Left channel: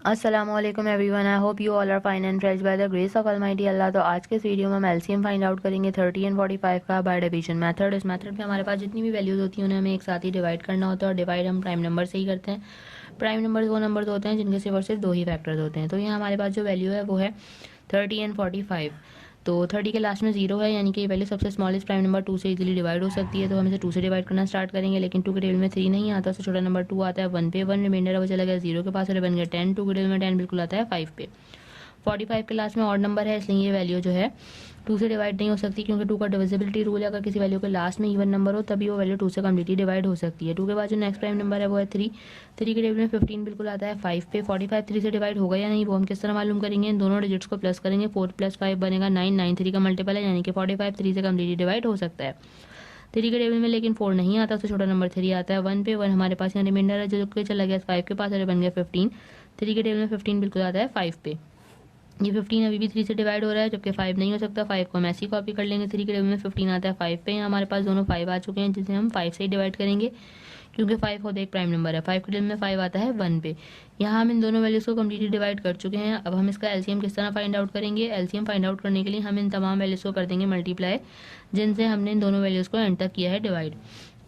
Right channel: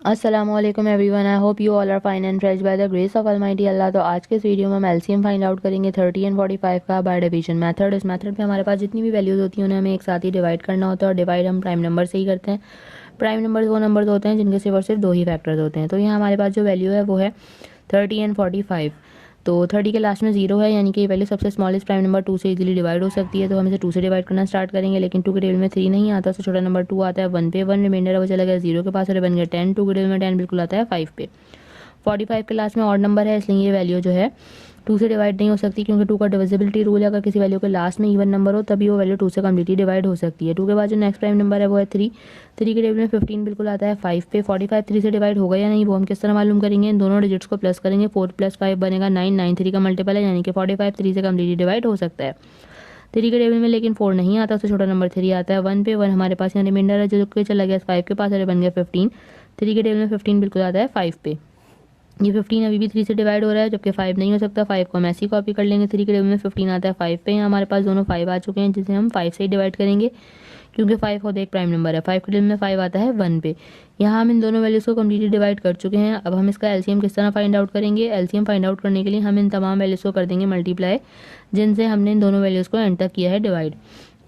अस्सलामुअलैकुम everyone, I hope you all are fine and fresh by the grace of almighty Allah. तो आज के इस वीडियो में हम एलसीएम फाइंड आउट करेंगे 30 एंड 45 का बाय डिवीजन मेथड। इस मेथड में हमारे पास जितनी भी वैल्यूज होती हैं उन्हें हमें एक साथ ही डिवाइड करना होता है और डिवाइड हम प्राइम नंबर से ही करते हैं। प्राइम नंबर वो नंबर होते हैं जिनके सिर्फ और सिर्फ दो ही फैक्टर्स होते हैं। तो यहाँ हमारे पास जो वैल्यू है वो है 30 एंड 45। तो 30 के लास्ट में 0 है, यानी कि ये वैल्यू सबसे स्मॉलेस्ट प्राइम नंबर 2 से इजीली डिवाइड हो सकती है। तो हम इसे 2 से डिवाइड करना स्टार्ट करेंगे, लेकिन 2 के टेबल में 3 नहीं आता, उससे छोटा नंबर 2 आता है 1 पे। 1 रिमाइंडर है वो चला गया 0 के पास और बन गया 10। 2 के टेबल में 10 बिल्कुल आता है 5 पे। 45 के लास्ट में ऑड नंबर है, इसलिए ये वैल्यू जो है 2 से डिवाइड नहीं हो सकती, क्योंकि 2 का डिविजिबिलिटी रूल है। अगर किसी वैल्यू के लास्ट में इवन नंबर हो तभी वो वैल्यू 2 से कम्प्लीटली डिवाइड हो सकती है। 2 के बाद जो नेक्स्ट प्राइम नंबर है वो है 3। 3 के टेबल में 15 बिल्कुल आता है 5 पे। 45 3 से डिवाइड होगा या नहीं वो हम किस तरह मालूम करेंगे, इन दोनों डिजिट्स को प्लस करेंगे। 4 + 5 बनेगा 9। 9 3 का मल्टीपल है, यानी कि 45 3 से कम्प्लीटली डिवाइड हो सकता है। 3 के टेबल में लेकिन 4 नहीं आता, उससे छोटा नंबर 3 आता है 1 पे। 1 हमारे पास यहाँ रिमाइंडर है जो कि चला गया 5 के पास और बन गया 15। 3 के टेबल में 15 बिल्कुल आता है 5 पे। ये 15 अभी भी 3 से डिवाइड हो रहा है, जबकि 5 नहीं हो सकता। 5 को हम ऐसे ही कॉपी कर लेंगे। 3 के टेबल में 15 आता है 5 पे। यहाँ हमारे पास दोनों 5 आ चुके हैं, जिसे हम 5 से ही डिवाइड करेंगे, क्योंकि 5 खुद एक प्राइम नंबर है। 5 के टेबल में 5 आता है 1 पे। यहाँ हम इन दोनों वैल्यूज को कम्प्लीटली डिवाइड कर चुके हैं। अब हम इसका एलसीएम किस तरह फाइंड आउट करेंगे। एलसीएम फाइंड आउट करने के लिए हम इन तमाम वैल्यूज को कर देंगे मल्टीप्लाई, जिनसे हमने इन दोनों वैल्यूज को एंटर किया है divide.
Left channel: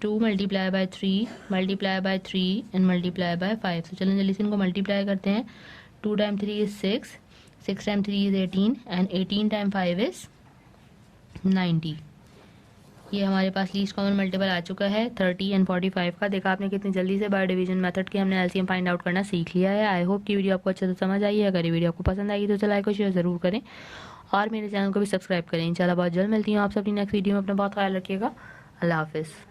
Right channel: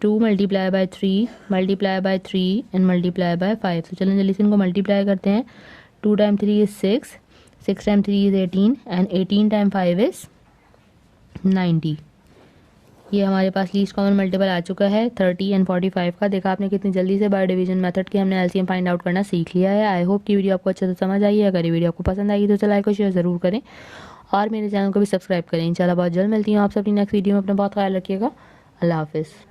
2 multiply by 3 multiply by 3 and multiply by 5। तो चलें जल्दी से इनको मल्टीप्लाई करते हैं। 2 time 3 is 6, 6 time 3 is 18 and 18 time 5 is 90। ये हमारे पास लीस्ट कॉमन मल्टीपल आ चुका है 30 एंड 45 का। देखा आपने कितनी जल्दी से बाय डिवीजन मेथड के हमने एलसीएम फाइंड आउट करना सीख लिया है। आई होप कि वीडियो आपको अच्छे से समझ आई है। अगर ये वीडियो आपको पसंद आई तो इसे लाइक और शेयर जरूर करें और मेरे चैनल को भी सब्सक्राइब करें। इंशाल्लाह बहुत जल्द मिलती हूँ आपसे अपनी नेक्स्ट वीडियो में। अपना बहुत ख्याल रखिएगा। अल्लाह हाफिज़।